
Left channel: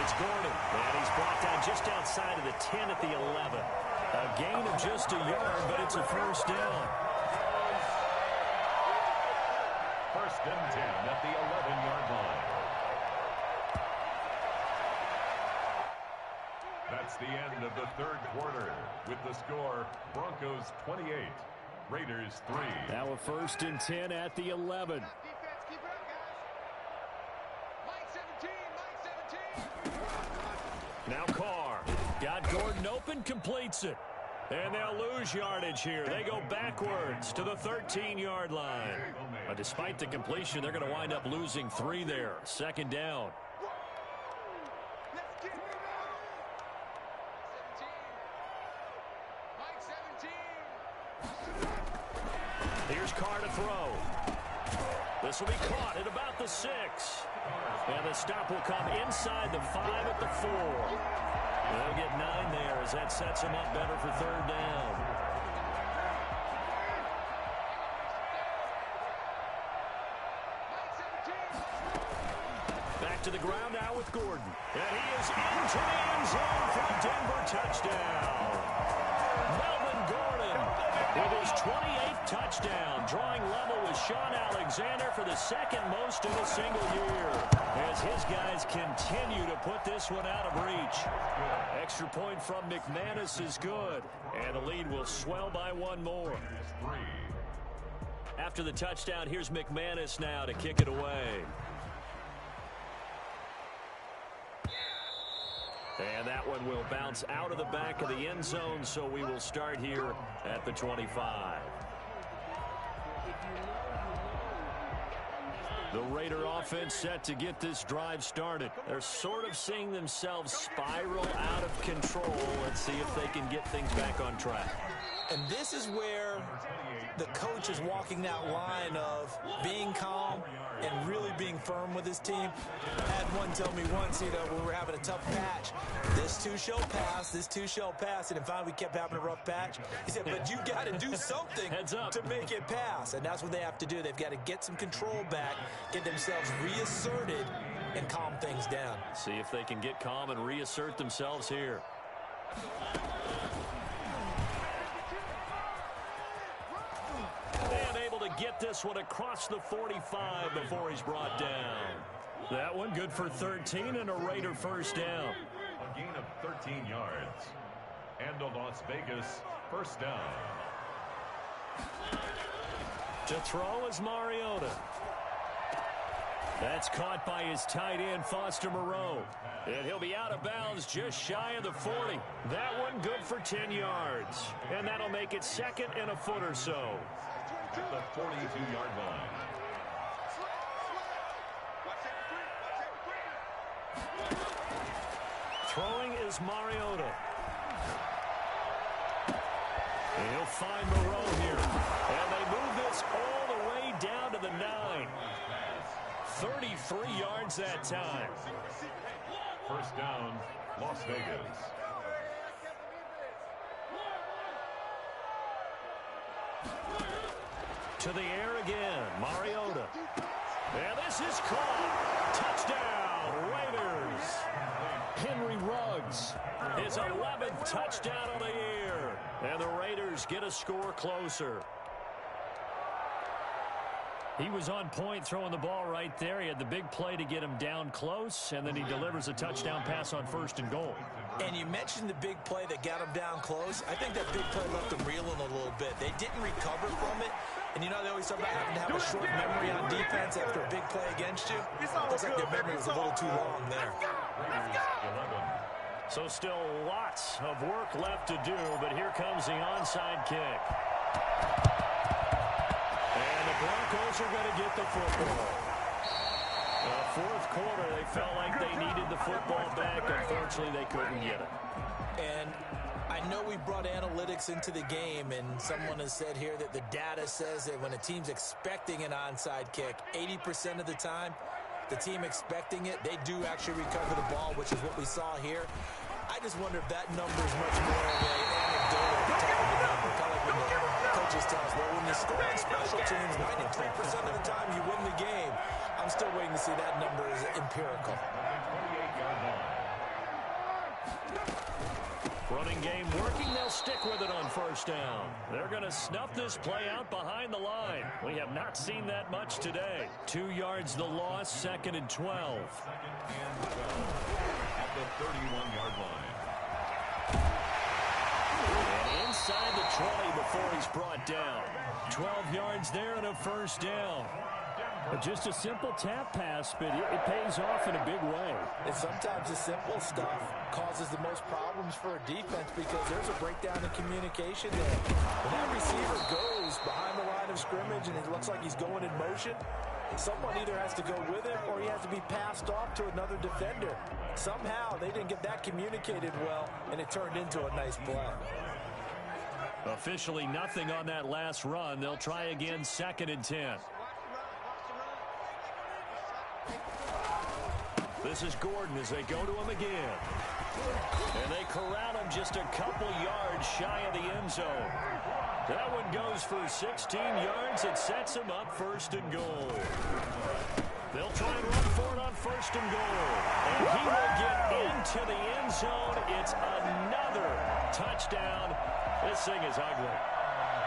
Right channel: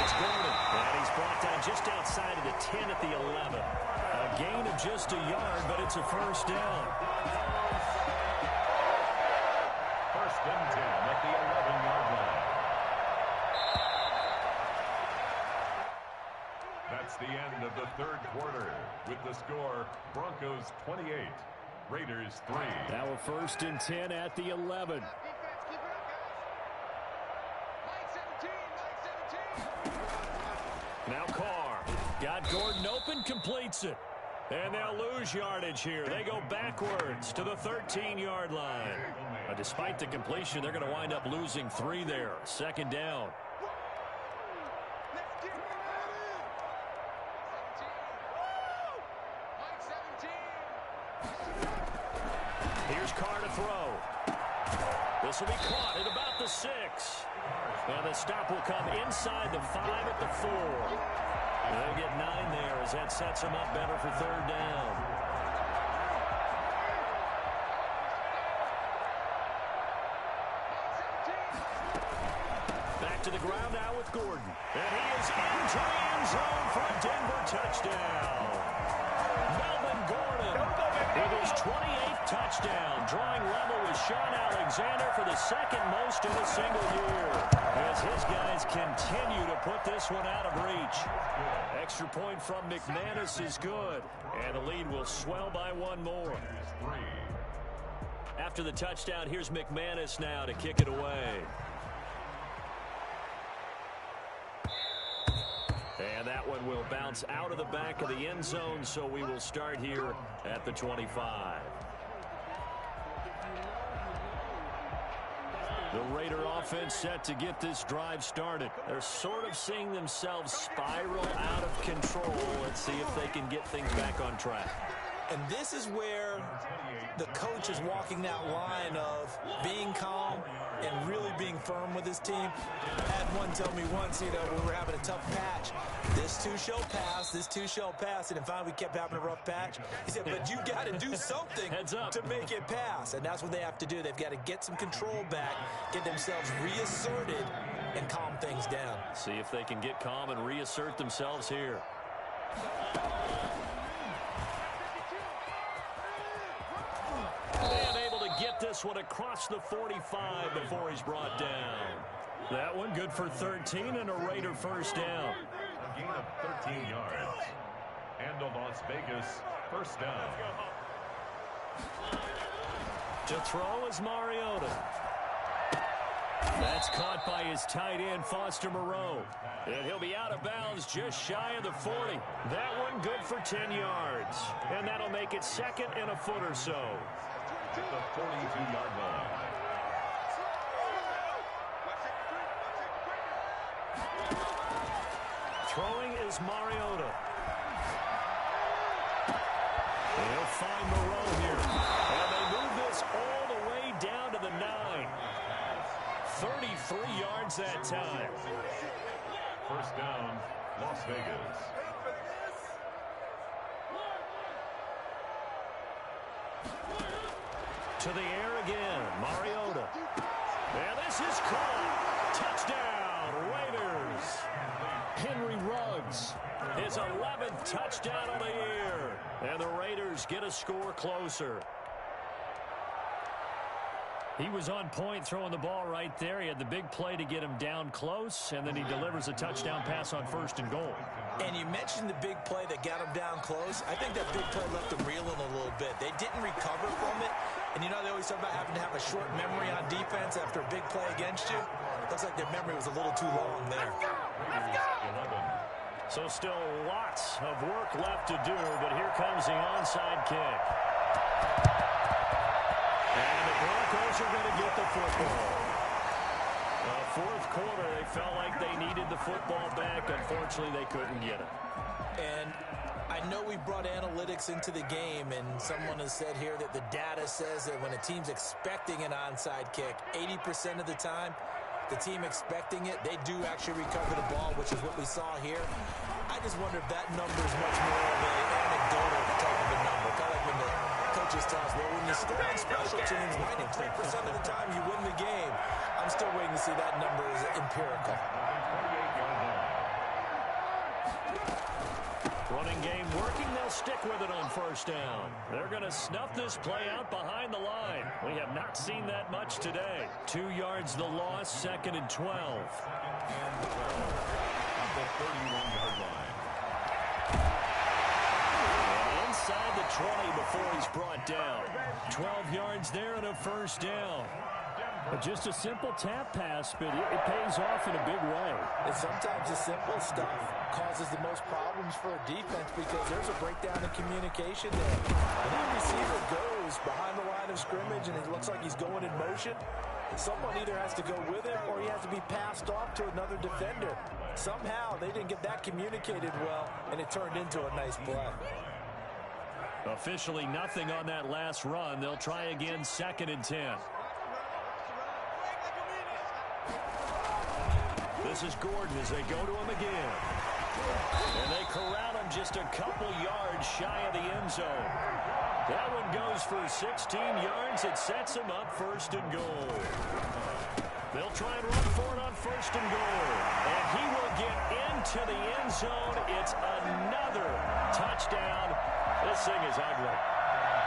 It's Gordon. And he's brought down just outside of the 10 at the 11. A gain of just a yard, but it's a 1st down. 1st and 10 at the 11-yard line. That's the end of the 3rd quarter. With the score, Broncos 28, Raiders 3. Now a 1st and 10 at the 11. Defense, keep it up, guys. Mike 17, Mike 17. Now Carr. Got Gordon open, completes it. And they'll lose yardage here. They go backwards to the 13-yard line. Despite the completion, they're going to wind up losing 3 there. 2nd down. Let's get it. Mike 17. Here's Carr to throw. This will be caught at about the 6. And the stop will come inside the 5 at the 4. They'll get 9 there as that sets them up better for 3rd down. Back to the ground now with Gordon. And he is into the end zone for a Denver touchdown. Melvin Gordon with his 28th touchdown, drawing level with Sean Alexander for the 2nd most in a single year, as his guys continue to put this one out of reach. Extra point from McManus is good, and the lead will swell by 1 more. After the touchdown, here's McManus now to kick it away. And that one will bounce out of the back of the end zone, so we will start here at the 25. The Raider offense set to get this drive started. They're sort of seeing themselves spiral out of control. Let's see if they can get things back on track. And this is where the coach is walking that line of being calm and really being firm with his team. I had one tell me once, when we were having a tough patch, this too shall pass, this too shall pass. And finally we kept having a rough patch. He said, but you got to do something to make it pass. And that's what they have to do. They've got to get some control back, get themselves reasserted, and calm things down. See if they can get calm and reassert themselves here. And able to get this one across the 45 before he's brought down. That one good for 13 and a Raider first down. A gain of 13 yards. And a Las Vegas first down. To throw is Mariota. That's caught by his tight end, Foster Moreau. And he'll be out of bounds just shy of the 40. That one good for 10 yards. And that'll make it second and a foot or so. At the 42-yard line. Throwing is Mariota. And he'll find Moreau here. And they move this all the way down to the 9. 33 yards that time. First down, Las Vegas. To the air again, Mariota. And this is caught. Touchdown, Raiders. Henry Ruggs, his 11th touchdown of the year. And the Raiders get a score closer. He was on point throwing the ball right there. He had the big play to get him down close, and then he delivers a touchdown pass on 1st and goal. And you mentioned the big play that got him down close. I think that big play left him reeling a little bit. They didn't recover from it. And they always talk about having to have a short memory on defense after a big play against you. Looks like their memory was a little too long there. So still lots of work left to do, but here comes the onside kick. And the Broncos are going to get the football. Fourth quarter, they felt like they needed the football back. Unfortunately, they couldn't get it. And I know we brought analytics into the game, and someone has said here that the data says that when a team's expecting an onside kick, 80% of the time, the team expecting it, they do actually recover the ball, which is what we saw here. I just wonder if that number is much more of an anecdotal type of a number. Kind of like when the coaches tell us, well, when you score on special teams, 93% of the time you win the game. I'm still waiting to see that number is empirical. 28-yard line. Running game working. They'll stick with it on first down. They're going to snuff this play out behind the line. We have not seen that much today. 2 yards the loss, 2nd and 12. 2nd and 12 at the 31-yard line. And inside the 20 before he's brought down. 12 yards there and a first down. But just a simple tap pass, but it pays off in a big way. And sometimes the simple stuff causes the most problems for a defense because there's a breakdown in communication there. When that receiver goes behind the line of scrimmage and it looks like he's going in motion, someone either has to go with him or he has to be passed off to another defender. Somehow they didn't get that communicated well, and it turned into a nice play. Officially nothing on that last run. They'll try again, 2nd and 10. This is Gordon as they go to him again. And they corral him just a couple yards shy of the end zone. That one goes for 16 yards. It sets him up 1st and goal. They'll try and run for it on 1st and goal. And he will get into the end zone. It's another touchdown. This thing is ugly.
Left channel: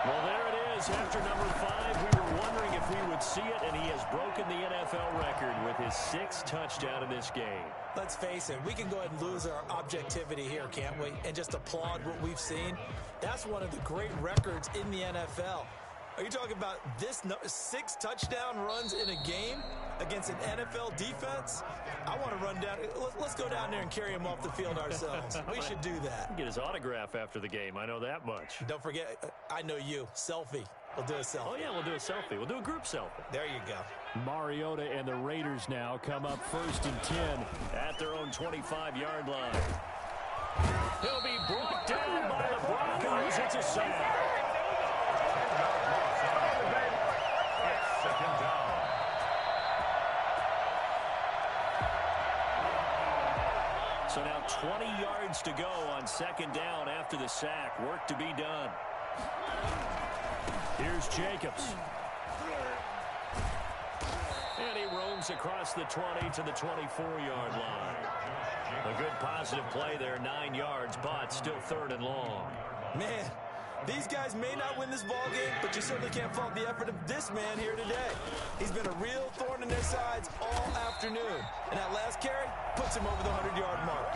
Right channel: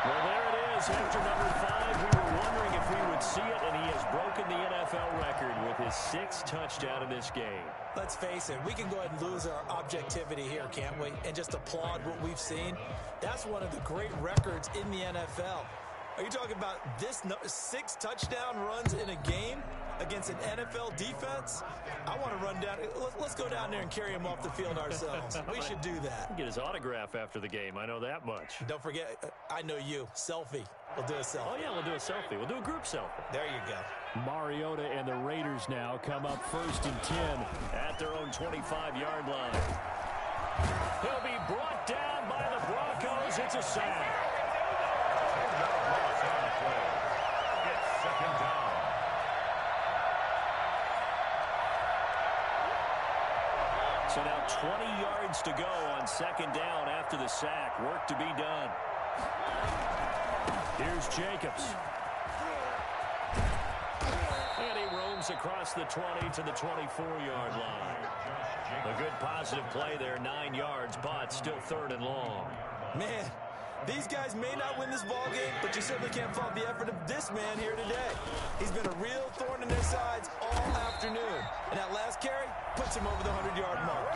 Well, there it is. After number 5, we were wondering if we would see it, and he has broken the NFL record with his 6th touchdown in this game. Let's face it, we can go ahead and lose our objectivity here, can't we? And just applaud what we've seen. That's one of the great records in the NFL. Are you talking about this 6 touchdown runs in a game against an NFL defense? I want to run down. Let's go down there and carry him off the field ourselves. We should do that. Get his autograph after the game. I know that much. Don't forget, I know you. Selfie. We'll do a selfie. Oh, yeah, we'll do a selfie. We'll do a group selfie. There you go. Mariota and the Raiders now come up 1st and 10 at their own 25-yard line. He'll be brought down by the Broncos. It's a sack. So now 20 yards to go on second down after the sack. Work to be done. Here's Jacobs. And he roams across the 20 to the 24-yard line. A good positive play there, 9 yards, but still third and long. Man, these guys may not win this ball game, but you certainly can't fault the effort of this man here today. He's been a real thorn in their sides all afternoon. And that last carry puts him over the 100-yard mark.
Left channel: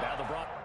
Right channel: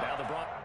Now the Broncos.